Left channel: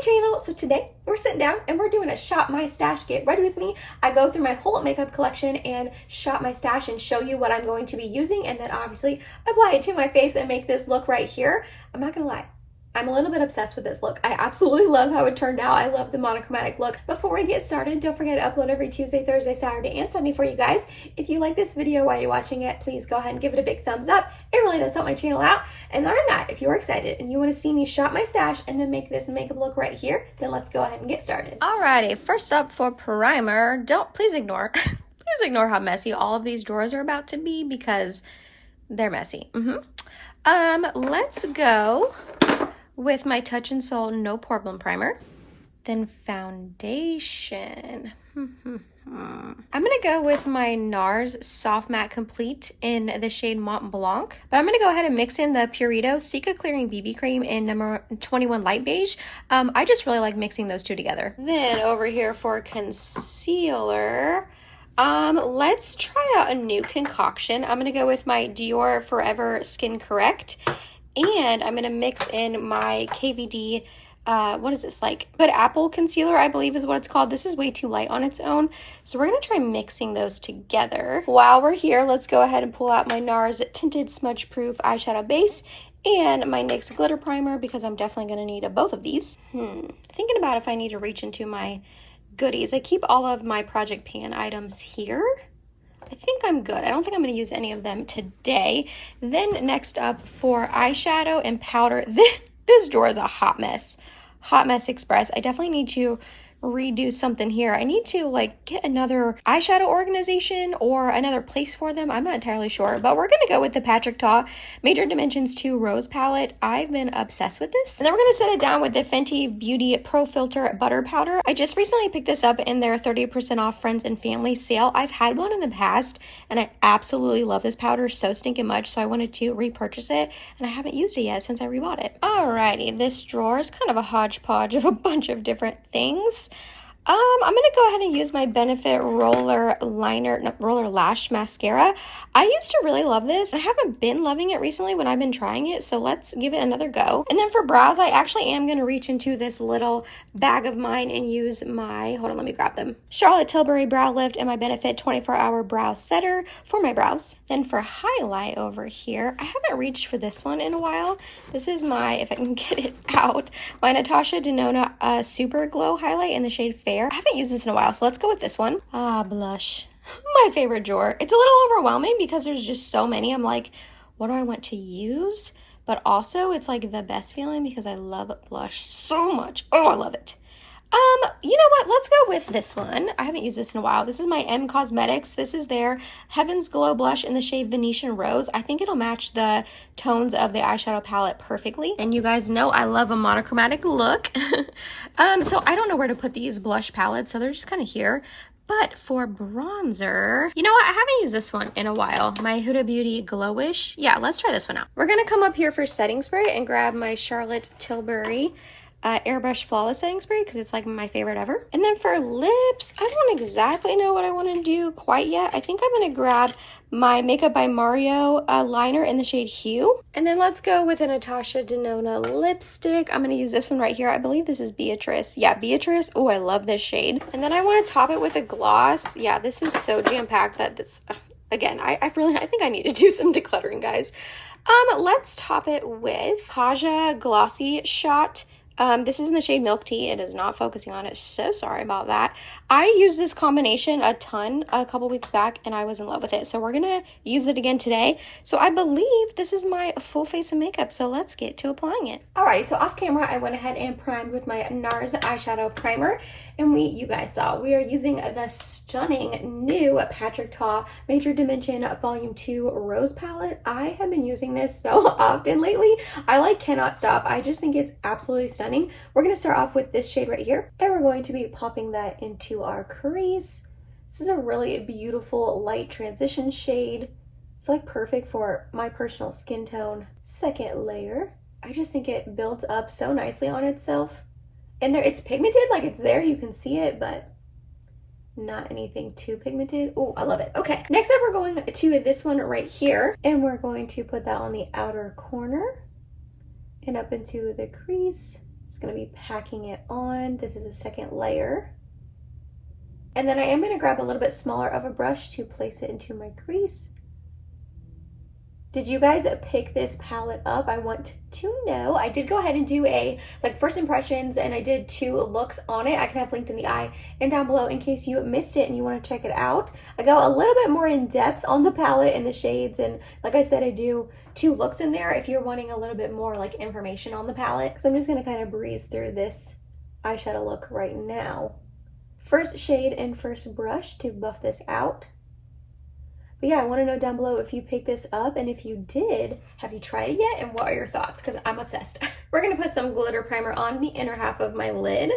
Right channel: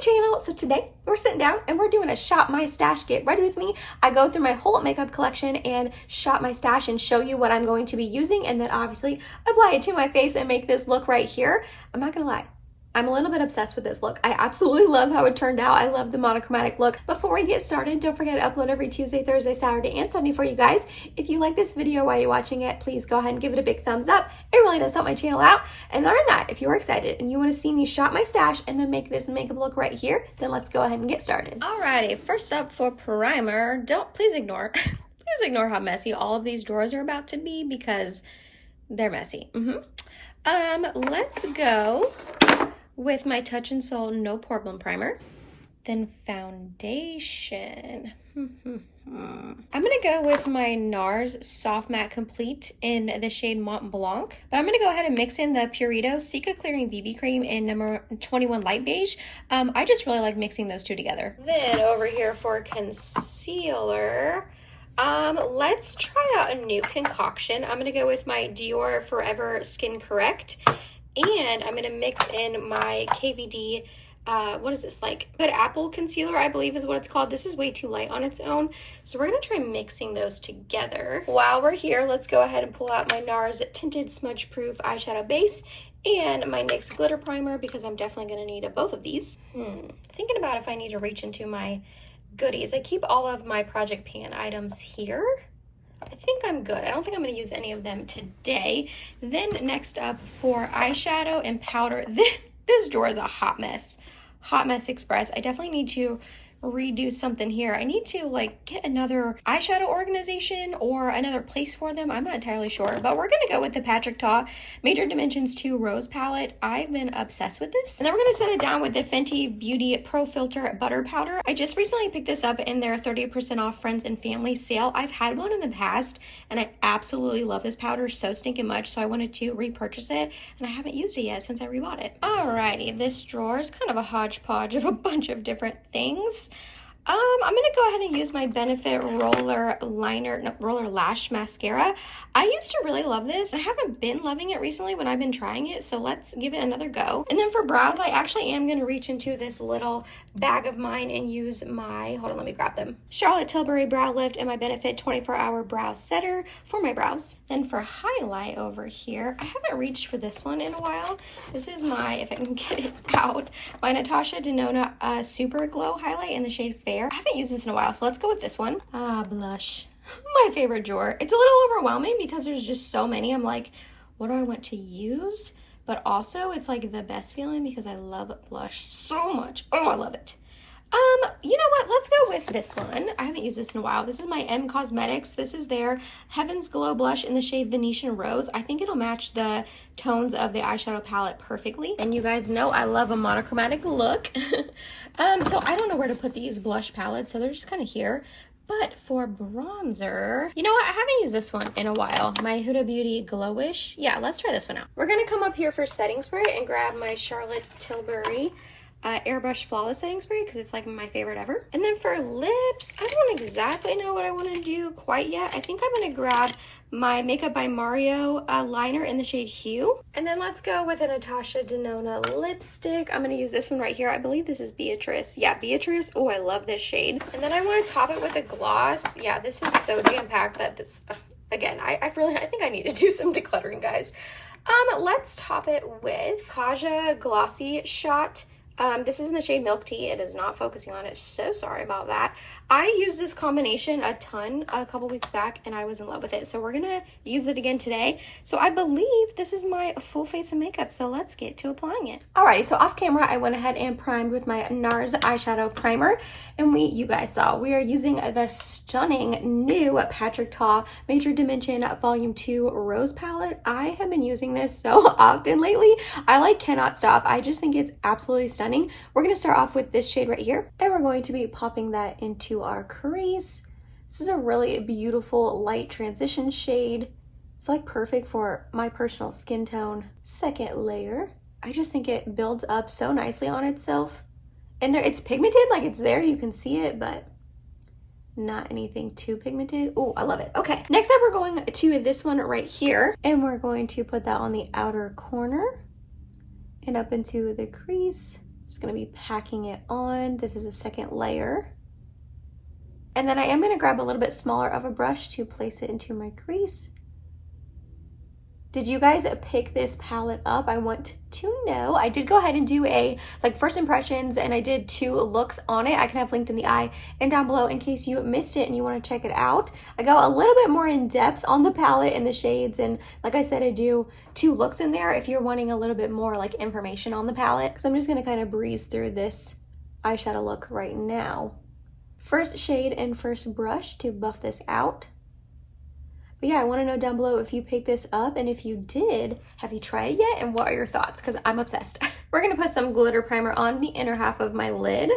channel. So today we're sitting down and we're doing a shop my stash, get ready with me. I go through my whole makeup collection and shop my stash and show you what I'm going to be using, and then obviously apply it to my face and make this look right here. I'm not gonna lie, I'm a little bit obsessed with this look. I absolutely love how it turned out. I love the monochromatic look. Before we get started, don't forget to upload every Tuesday, Thursday, Saturday, and Sunday for you guys. If you like this video while you're watching it, please go ahead and give it a big thumbs up. It really does help my channel out. And other than that, if you're excited and you want to see me shop my stash and then make this makeup look right here, then let's go ahead and get started. Alrighty, first up for primer, please ignore how messy all of these drawers are about to be because they're messy. Let's go with my Touch in Sol No Problem Primer. Then foundation. I'm gonna go with my NARS Soft Matte Complete in the shade Mont Blanc. But I'm gonna go ahead and mix in the Purito Cica Clearing BB Cream in number 21 Light Beige. I just really like mixing those two together. Then over here for concealer, let's try out a new concoction. I'm gonna go with my Dior Forever Skin Correct. And I'm going to mix in my KVD, what is this, like Good Apple Concealer, I believe is what it's called. This is way too light on its own, so we're going to try mixing those together. While we're here, let's go ahead and pull out my NARS Tinted Smudge Proof Eyeshadow Base and my NYX Glitter Primer because I'm definitely going to need both of these. Thinking about if I need to reach into my goodies. I keep all of my Project Pan items here. I think I'm good. I don't think I'm going to use any of them today. Then next up for eyeshadow and powder, this drawer is a hot mess. Hot mess express. I definitely need to redo something here. I need to like get another eyeshadow organization or another place for them. I'm not entirely sure, but we're gonna go with the Patrick Ta Major Dimensions 2 Rose Palette. I've been obsessed with this. And then we're gonna set it down with the Fenty Beauty Pro Filter Butter Powder. I just recently picked this up in their 30% off Friends and Family sale. I've had one in the past and I absolutely love this powder so stinking much, so I wanted to repurchase it and I haven't used it yet since I rebought it. Alrighty, this drawer is kind of a hodgepodge of a bunch of different things. I'm gonna go ahead and use my Benefit Roller Lash Mascara. I used to really love this. I haven't been loving it recently when I've been trying it, so let's give it another go. And then for brows, I actually am gonna reach into this little bag of mine and use my, hold on, let me grab them, Charlotte Tilbury Brow Lift and my Benefit 24-Hour Brow Setter for my brows. Then for highlight over here, I haven't reached for this one in a while. This is my, if I can get it out, my Natasha Denona Super Glow highlight in the shade Fair. I haven't used this in a while, so let's go with this one. Blush. My favorite drawer. It's a little overwhelming because there's just so many. I'm like, what do I want to use? But also, it's like the best feeling because I love blush so much. Oh, I love it. You know what? Let's go with this one. I haven't used this in a while. This is my M Cosmetics. This is their Heaven's Glow blush in the shade Venetian Rose. I think it'll match the tones of the eyeshadow palette perfectly. And you guys know I love a monochromatic look. So I don't know where to put these blush palettes, so they're just kind of here. But for bronzer, you know what? I haven't used this one in a while. My Huda Beauty Glowish. Yeah, let's try this one out. We're gonna come up here for setting spray and grab my Charlotte Tilbury Airbrush Flawless Setting Spray because it's like my favorite ever. And then for lips, I don't exactly know what I want to do quite yet. I think I'm going to grab my Makeup by Mario liner in the shade Hue. And then let's go with a Natasha Denona lipstick. I'm going to use this one right here. I believe this is Beatrice. Yeah, Beatrice. Oh, I love this shade. And then I want to top it with a gloss. Yeah, this is so jam-packed that this, again, I think I need to do some decluttering, guys. Let's top it with Kaja Glossy Shot. This is in the shade Milk Tea. It is not focusing on it. So sorry about that. I used this combination a ton a couple weeks back and I was in love with it. So we're going to use it again today. So I believe this is my full face of makeup. So let's get to applying it. Alrighty, so off camera, I went ahead and primed with my NARS eyeshadow primer. And you guys saw, we are using the stunning new Patrick Ta Major Dimension Volume 2 Rose Palette. I have been using this so often lately. I cannot stop. I just think it's absolutely stunning. We're going to start off with this shade right here. And we're going to be popping that into our crease. This is a really beautiful light transition shade. It's like perfect for my personal skin tone. Second layer. I just think it builds up so nicely on itself. And there, it's pigmented, like it's there, you can see it, but not anything too pigmented. Oh, I love it. Okay, next up we're going to this one right here, and we're going to put that on the outer corner and up into the crease. Just gonna be packing it on. This is a second layer. And then I am gonna grab a little bit smaller of a brush to place it into my crease. Did you guys pick this palette up? I want to know. I did go ahead and do a first impressions, and I did 2 looks on it. I can have linked in the eye and down below in case you missed it and you want to check it out. I go a little bit more in depth on the palette and the shades, and like I said, I do 2 looks in there if you're wanting a little bit more like information on the palette. So I'm just gonna kind of breeze through this eyeshadow look right now. First shade and first brush to buff this out. But yeah, I want to know down below if you picked this up, and if you did, have you tried it yet, and what are your thoughts? Because I'm obsessed. We're going to put some glitter primer on the inner half of my lid.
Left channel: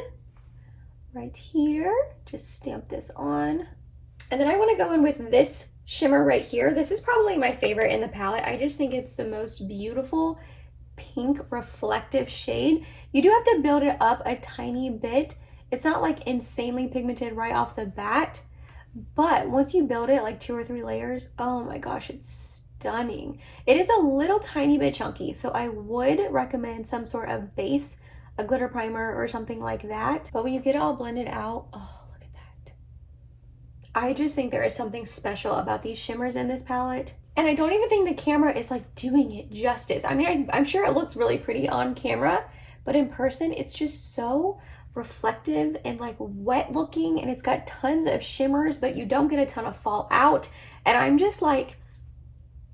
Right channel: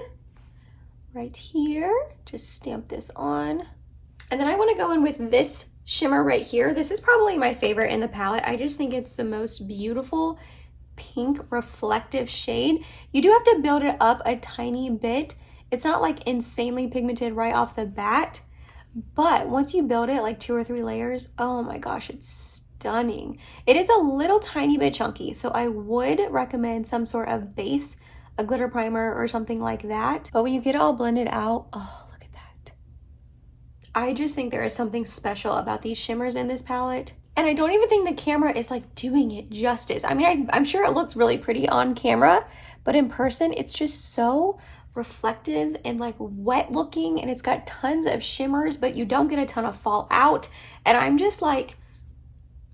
Right here. Just stamp this on. And then I want to go in with this shimmer right here. This is probably my favorite in the palette. I just think it's the most beautiful pink reflective shade. You do have to build it up a tiny bit. It's not like insanely pigmented right off the bat. But once you build it like 2 or 3 layers, oh my gosh, it's stunning. It is a little tiny bit chunky, so I would recommend some sort of base, a glitter primer or something like that. But when you get it all blended out, oh, look at that. I just think there is something special about these shimmers in this palette. And I don't even think the camera is like doing it justice. I mean, I'm sure it looks really pretty on camera, but in person, it's just so reflective and like wet looking, and it's got tons of shimmers, but you don't get a ton of fallout. And I'm just like,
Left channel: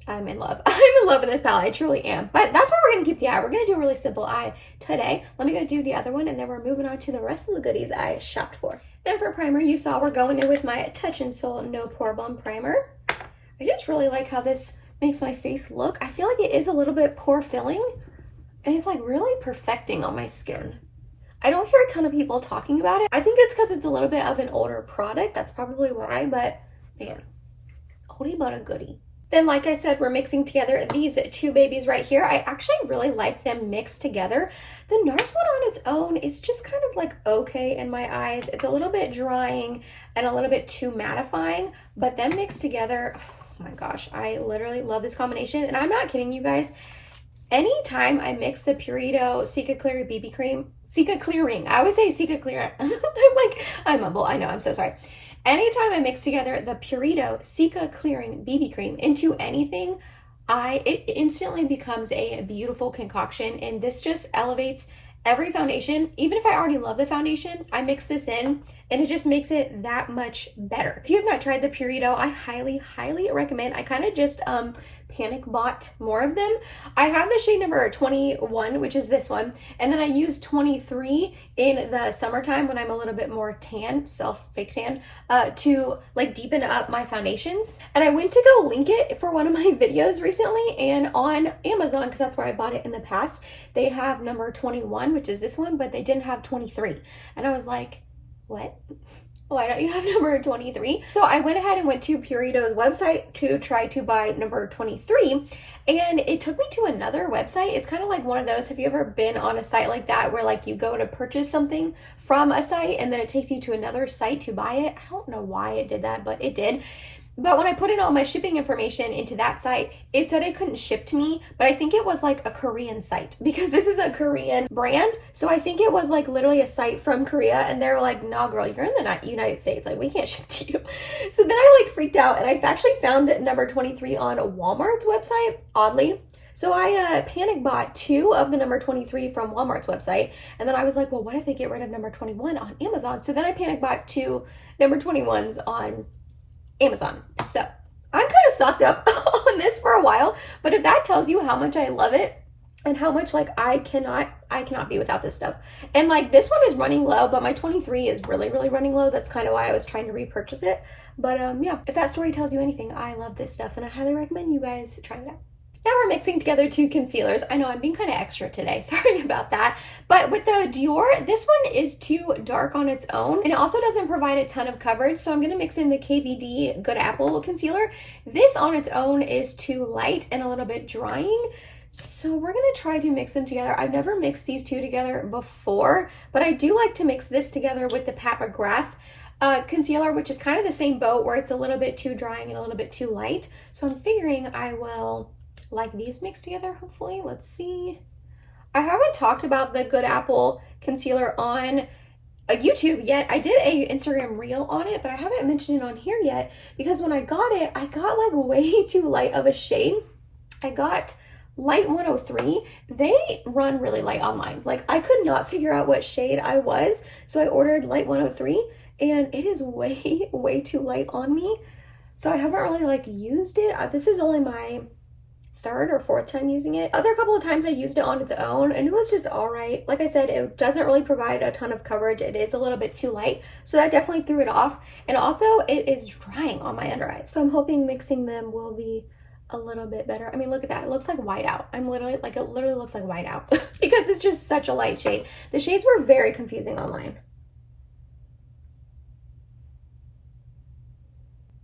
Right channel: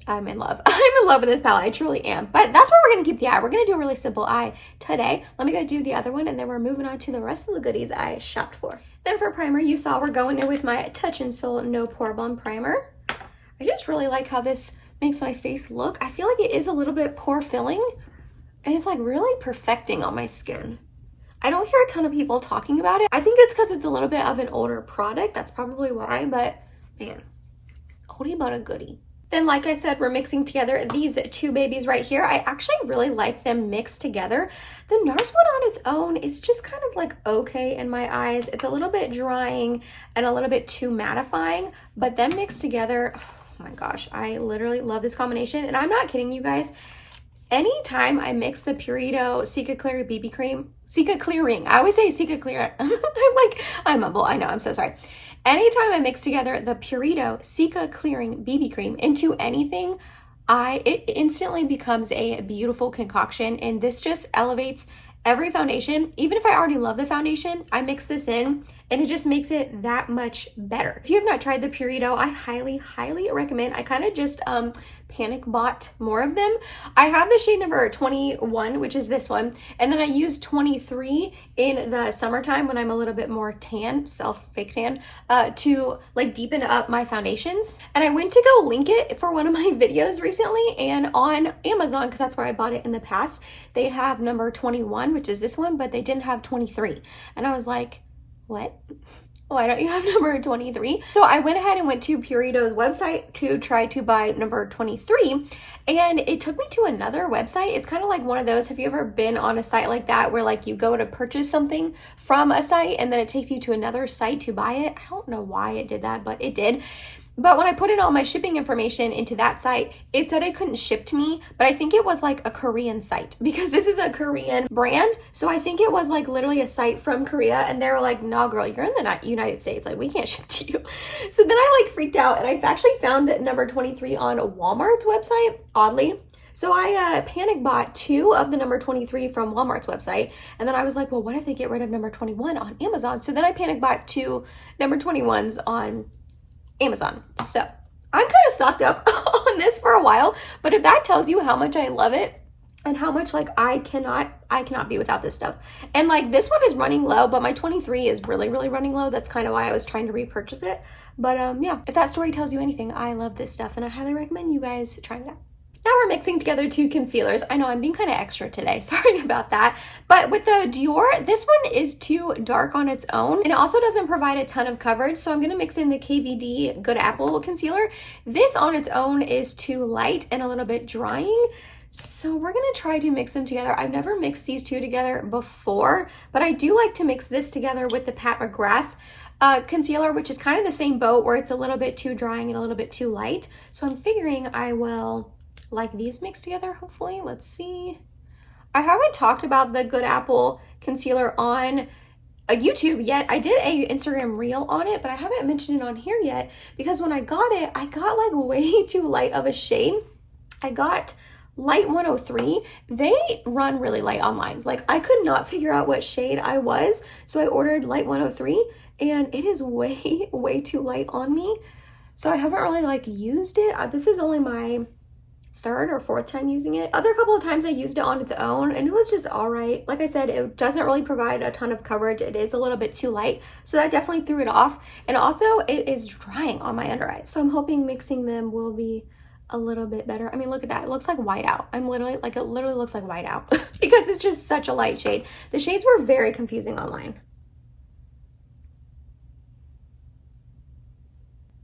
I'm in love. I'm in love with this palette. I truly am. But that's where we're gonna keep the eye. We're gonna do a really simple eye today. Let me go do the other one, and then we're moving on to the rest of the goodies I shopped for. Then for primer, you saw we're going in with my Touch in Sol No Pore Blend Primer. I just really like how this makes my face look. I feel like it is a little bit pore filling, and it's like really perfecting on my skin. I don't hear a ton of people talking about it. I think it's because it's a little bit of an older product. That's probably why, but man, oldie but a goodie. Then like I said, we're mixing together these 2 babies right here. I actually really like them mixed together. The NARS one on its own is just kind of like okay in my eyes. It's a little bit drying and a little bit too mattifying, but them mixed together, oh my gosh, I literally love this combination. And I'm not kidding you guys. Anytime I mix the Purito Cica Clear BB cream, Cica Clearing, I always say Cica Clear. I mumble, I know, I'm so sorry. Anytime I mix together the Purito Cica Clearing BB cream into anything, it instantly becomes a beautiful concoction, and this just elevates every foundation. Even if I already love the foundation, I mix this in and it just makes it that much better. If you have not tried the Purito, I highly recommend. I kind of just panic bought more of them. I have the shade number 21, which is this one, and then I use 23 in the summertime when I'm a little bit more tan, fake tan, to like deepen up my foundations. And I went to go link it for one of my videos recently, and on Amazon, because that's where I bought it in the past, they have number 21, which is this one, but they didn't have 23. And I was like, what? Why don't you have number 23? So I went ahead and went to Purito's website to try to buy number 23, and it took me to another website. It's kind of like one of those, have you ever been on a site like that where like you go to purchase something from a site and then it takes you to another site to buy it? I don't know why it did that, but it did. But when I put in all my shipping information into that site, it said it couldn't ship to me, but I think it was like a Korean site because this is a Korean brand. So I think it was like literally a site from Korea, and they were like, nah, girl, you're in the United States. Like, we can't ship to you. So then I like freaked out, and I've actually found number 23 on Walmart's website, oddly. So I panic bought 2 of the number 23 from Walmart's website. And then I was like, well, what if they get rid of number 21 on Amazon? So then I panic bought 2 number 21s on Amazon. So I'm kind of sucked up on this for a while, but if that tells you how much I love it and how much like I cannot be without this stuff. And like this one is running low, but my 23 is really running low. That's kind of why I was trying to repurchase it. But yeah, if that story tells you anything, I love this stuff and I highly recommend you guys try it out. Now we're mixing together 2 concealers. I know I'm being kind of extra today, sorry about that. But with the Dior, this one is too dark on its own, and it also doesn't provide a ton of coverage, so I'm gonna mix in the KVD Good Apple concealer. This on its own is too light and a little bit drying, so we're gonna try to mix them together. I've never mixed these 2 together before, but I do like to mix this together with the Pat McGrath concealer, which is kind of the same boat where it's a little bit too drying and a little bit too light. So I'm figuring I will like these mixed together, hopefully. Let's see. I haven't talked about the Good Apple concealer on a YouTube yet. I did a Instagram reel on it, but I haven't mentioned it on here yet because when I got it, I got like way too light of a shade. I got Light 103. They run really light online. Like I could not figure out what shade I was, so I ordered Light 103 and it is way too light on me. So I haven't really like used it. This is only my third or fourth time using it. Other couple of times I used it on its own and it was just all right. Like I said, it doesn't really provide a ton of coverage. It is a little bit too light, so that definitely threw it off. And also it is drying on my under eyes, so I'm hoping mixing them will be a little bit better. I mean, look at that. It looks like white out. I'm literally like, it literally looks like white out because it's just such a light shade. The shades were very confusing online.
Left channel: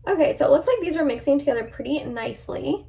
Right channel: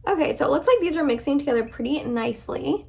Okay, so it looks like these are mixing together pretty nicely,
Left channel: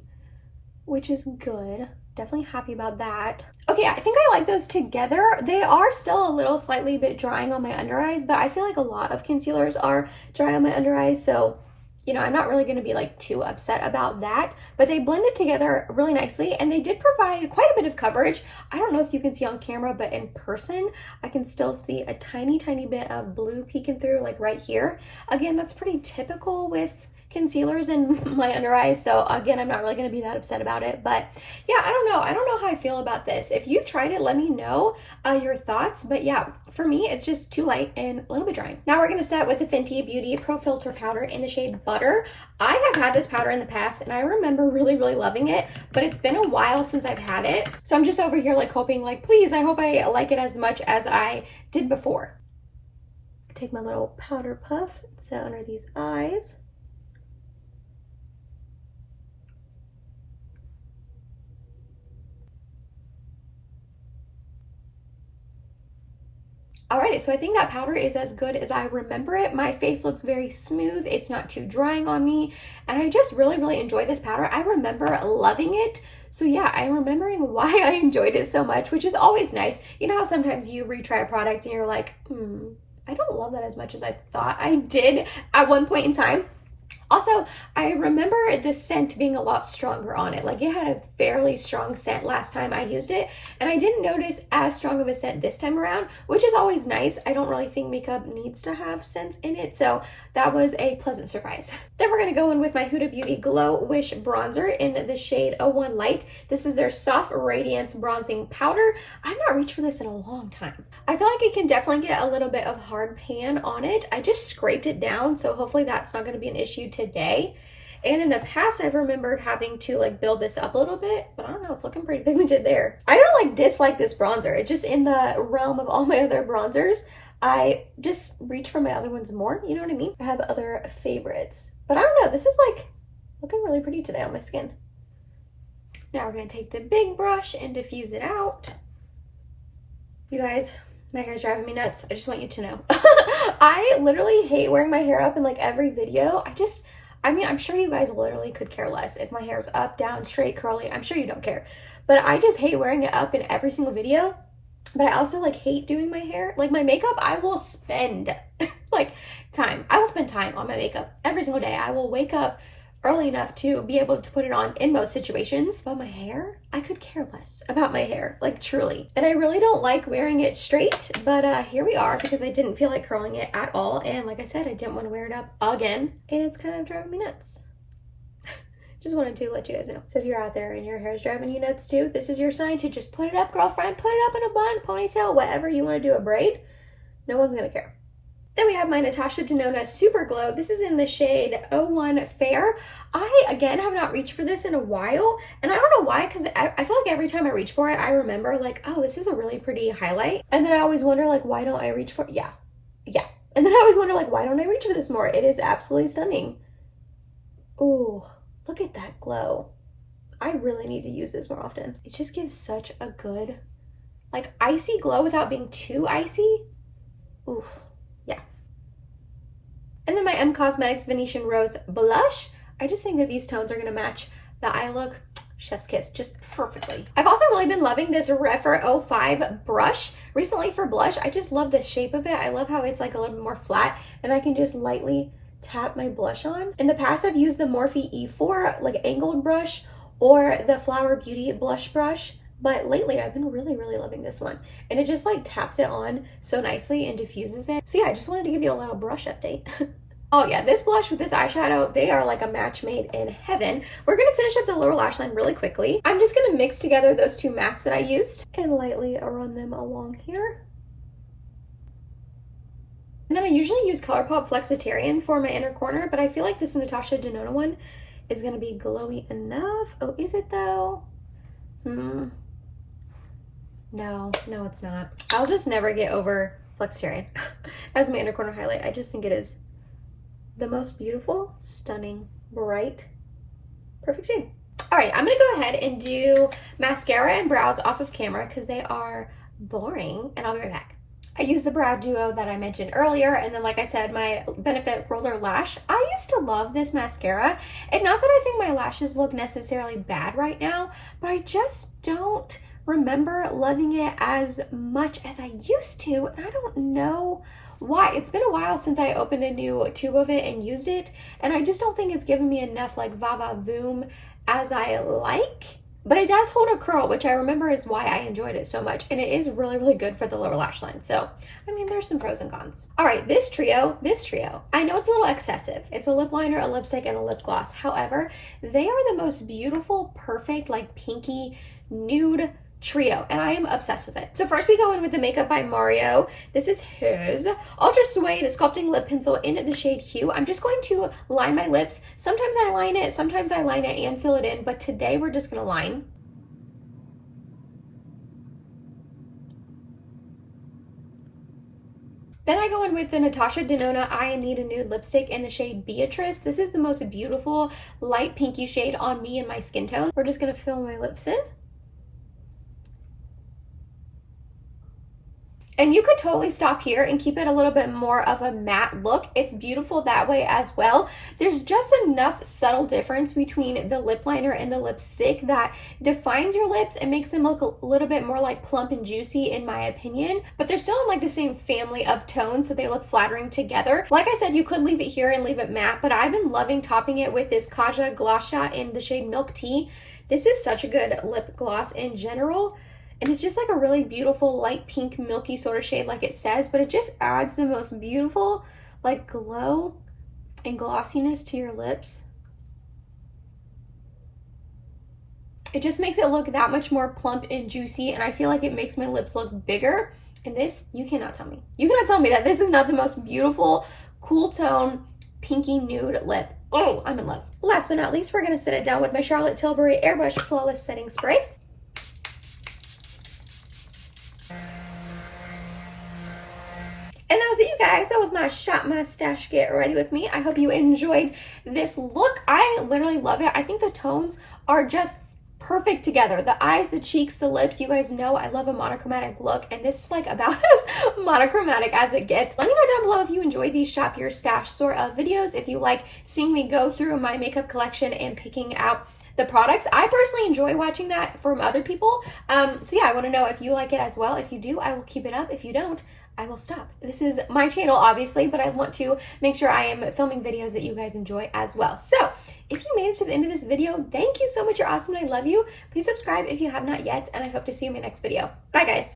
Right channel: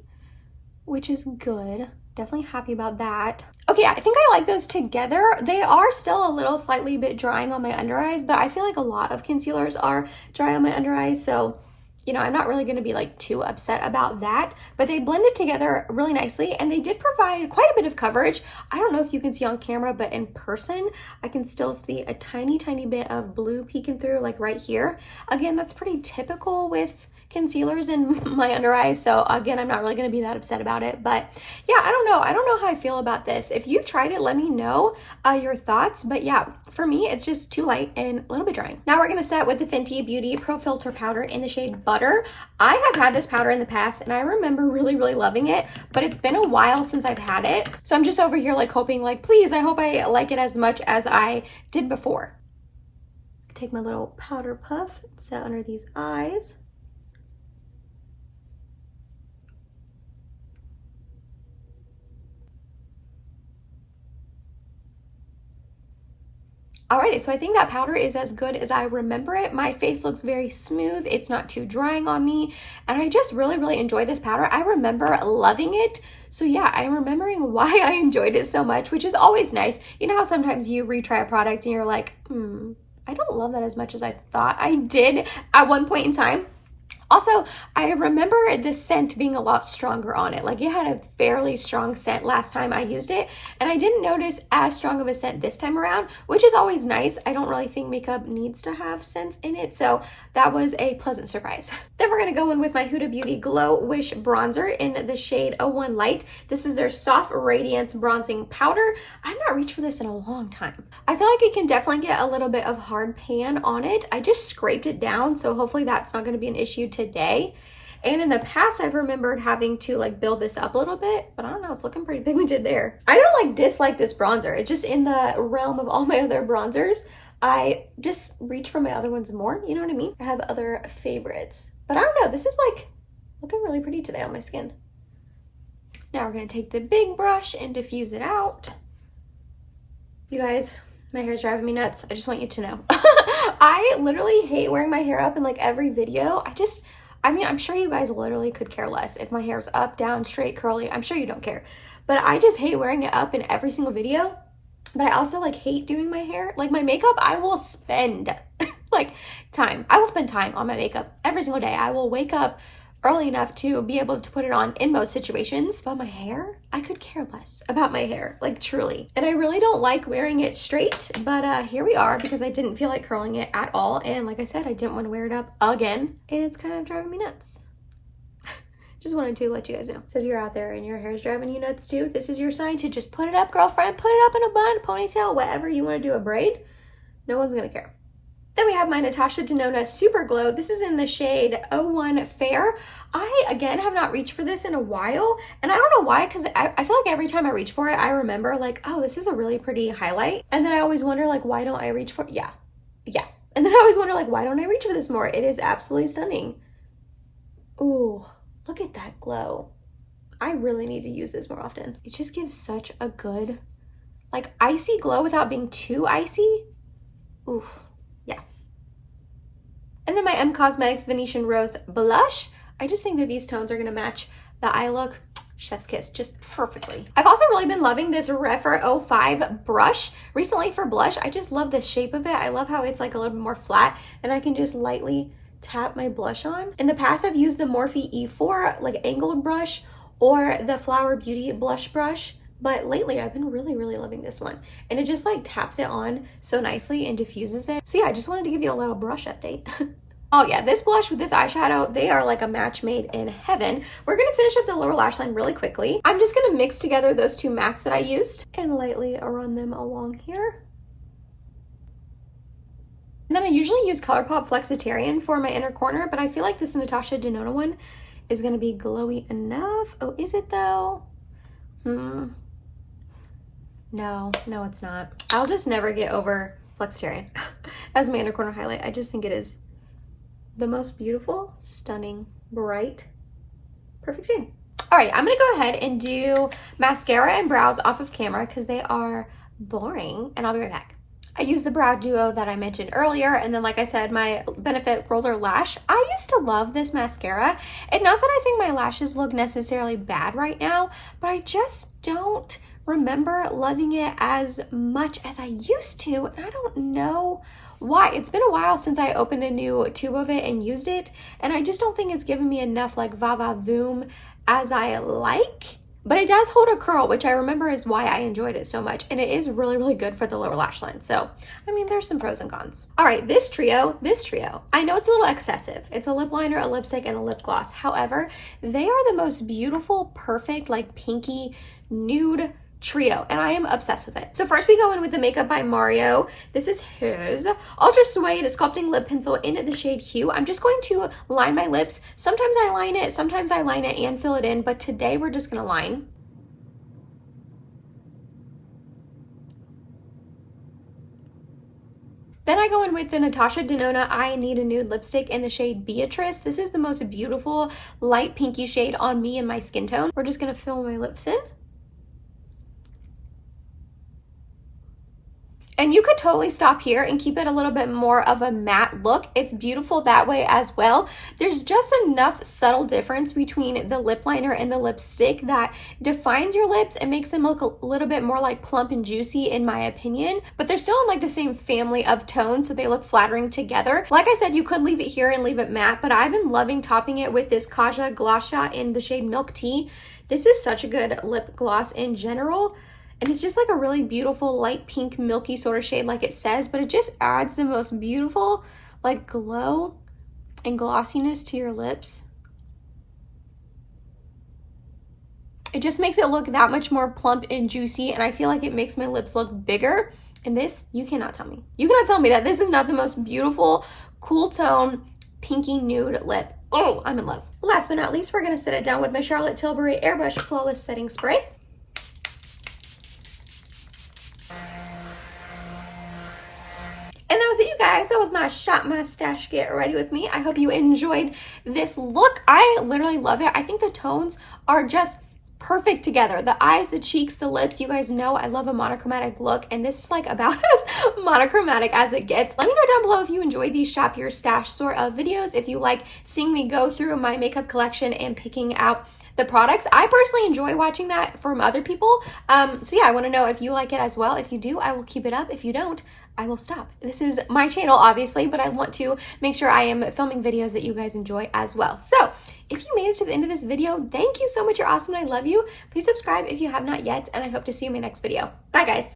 which is good. Definitely happy about that. Okay, I think I like those together. They are still a little slightly bit drying on my under eyes, but I feel like a lot of concealers are dry on my under eyes, so you know, I'm not really going to be like too upset about that, but they blended together really nicely and they did provide quite a bit of coverage. I don't know if you can see on camera, but in person, I can still see a tiny bit of blue peeking through like right here. Again, that's pretty typical with concealers in my under eyes, so again, I'm not really going to be that upset about it. But yeah, I don't know how I feel about this. If you've tried it, let me know your thoughts. But yeah, for me, it's just too light and a little bit drying. Now we're going to set with the Fenty Beauty Pro Filter powder in the shade Butter. I have had this powder in the past and I remember really loving it, but it's been a while since I've had it, so I'm just over here like hoping, like, please, I hope I like it as much as I did before. Take my little powder puff and set under these eyes. Alrighty, so I think that powder is as good as I remember it. My face looks very smooth. It's not too drying on me. And I just really enjoy this powder. I remember loving it. So yeah, I'm remembering why I enjoyed it so much, which is always nice. You know how sometimes you retry a product and you're like, I don't love that as much as I thought I did at one point in time. Also, I remember the scent being a lot stronger on it. Like it had a fairly strong scent last time I used it, and I didn't notice as strong of a scent this time around, which is always nice. I don't really think makeup needs to have scents in it, so that was a pleasant surprise. Then we're gonna go in with my Huda Beauty Glow Wish Bronzer in the shade 01 Light. This is their Soft Radiance Bronzing Powder. I've not reached for this in a long time. I feel like it can definitely get a little bit of hard pan on it. I just scraped it down, so hopefully that's not gonna be an issue today. And in the past, I've remembered having to like build this up a little bit, but I don't know, it's looking pretty pigmented there. I don't like dislike this bronzer. It's just in the realm of all my other bronzers. I just reach for my other ones more, you know what I mean? I have other favorites, but I don't know, this is like looking really pretty today on my skin. Now we're gonna take the big brush and diffuse it out. You guys, my hair is driving me nuts. I just want you to know. I literally hate wearing my hair up in like every video. I mean, I'm sure you guys literally could care less if my hair's up, down, straight, curly. I'm sure you don't care. But I just hate wearing it up in every single video. But I also like hate doing my hair. Like my makeup, I will spend like time. I will spend time on my makeup every single day. I will wake up early enough to be able to put it on in most situations. But my hair, I could care less about my hair, like truly. And I really don't like wearing it straight, but here we are because I didn't feel like curling it at all. And like I said, I didn't want to wear it up again. It's kind of driving me nuts. Just wanted to let you guys know. So if you're out there and your hair is driving you nuts too, this is your sign to just put it up, girlfriend. Put it up in a bun, ponytail, whatever you want to do, a braid. No one's gonna care. Then we have my Natasha Denona Super Glow. This is in the shade 01 Fair. I, again, have not reached for this in a while, and I don't know why, because I feel like every time I reach for it, I remember, like, oh, this is a really pretty highlight, and then I always wonder, like, why don't I reach for it? Yeah. And then I always wonder, like, why don't I reach for this more? It is absolutely stunning. Ooh, look at that glow. I really need to use this more often. It just gives such a good, like, icy glow without being too icy. Oof. And then my M Cosmetics Venetian Rose Blush. I just think that these tones are going to match the eye look. Chef's kiss, just perfectly. I've also really been loving this Refer 05 brush. Recently for blush, I just love the shape of it. I love how it's like a little bit more flat and I can just lightly tap my blush on. In the past, I've used the Morphe E4 like angled brush or the Flower Beauty blush brush. But lately I've been really loving this one, and it just like taps it on so nicely and diffuses it. So yeah, I just wanted to give you a little brush update. Oh yeah, this blush with this eyeshadow, they are like a match made in heaven. We're gonna finish up the lower lash line really quickly. I'm just gonna mix together those two mattes that I used and lightly run them along here. And then I usually use ColourPop Flexitarian for my inner corner, but I feel like this Natasha Denona one is gonna be glowy enough. Oh, is it though? No, it's not. I'll just never get over Flexitarian as my inner corner highlight. I just think it is the most beautiful, stunning, bright, perfect shade. All right, I'm gonna go ahead and do mascara and brows off of camera because they are boring, and I'll be right back. I used the brow duo that I mentioned earlier, and then like I said, my Benefit Roller Lash. I used to love this mascara, and not that I think my lashes look necessarily bad right now, but I just don't remember loving it as much as I used to, and I don't know why. It's been a while since I opened a new tube of it and used it, and I just don't think it's given me enough like va-va-voom as I like. But it does hold a curl, which I remember is why I enjoyed it so much, and it is really good for the lower lash line. So, I mean, there's some pros and cons. All right, this trio, I know it's a little excessive. It's a lip liner, a lipstick, and a lip gloss. However, they are the most beautiful, perfect, like pinky nude trio, and I am obsessed with it. So first we go in with the Makeup by Mario. This is his Ultra Suede Sculpting Lip Pencil in the shade Hue. I'm just going to line my lips. Sometimes I line it and fill it in, but today we're just gonna line. Then I go in with the Natasha Denona I Need a Nude lipstick in the shade Beatrice. This is the most beautiful light pinky shade on me and my skin tone. We're just gonna fill my lips in. And you could totally stop here and keep it a little bit more of a matte look. It's beautiful that way as well. There's just enough subtle difference between the lip liner and the lipstick that defines your lips and makes them look a little bit more like plump and juicy in my opinion. But they're still in like the same family of tones, so they look flattering together. Like I said, you could leave it here and leave it matte, but I've been loving topping it with this Kaja Gloss Shot in the shade Milk Tea. This is such a good lip gloss in general. And it's just like a really beautiful light pink milky sort of shade like it says, but it just adds the most beautiful like glow and glossiness to your lips. It just makes it look that much more plump and juicy, and I feel like it makes my lips look bigger. And this, you cannot tell me. You cannot tell me that this is not the most beautiful, cool tone, pinky nude lip. Oh, I'm in love. Last but not least, we're gonna set it down with my Charlotte Tilbury Airbrush Flawless Setting Spray. And that was it, you guys. That was my Shop My Stash Get Ready With Me. I hope you enjoyed this look. I literally love it. I think the tones are just perfect together. The eyes, the cheeks, the lips. You guys know I love a monochromatic look, and this is like about as monochromatic as it gets. Let me know down below if you enjoy these Shop Your Stash sort of videos, if you like seeing me go through my makeup collection and picking out the products. I personally enjoy watching that from other people. So yeah, I want to know if you like it as well. If you do, I will keep it up. If you don't, I will stop. This is my channel, obviously, but I want to make sure I am filming videos that you guys enjoy as well. So if you made it to the end of this video, thank you so much. You're awesome. I love you. Please subscribe if you have not yet, and I hope to see you in my next video. Bye, guys.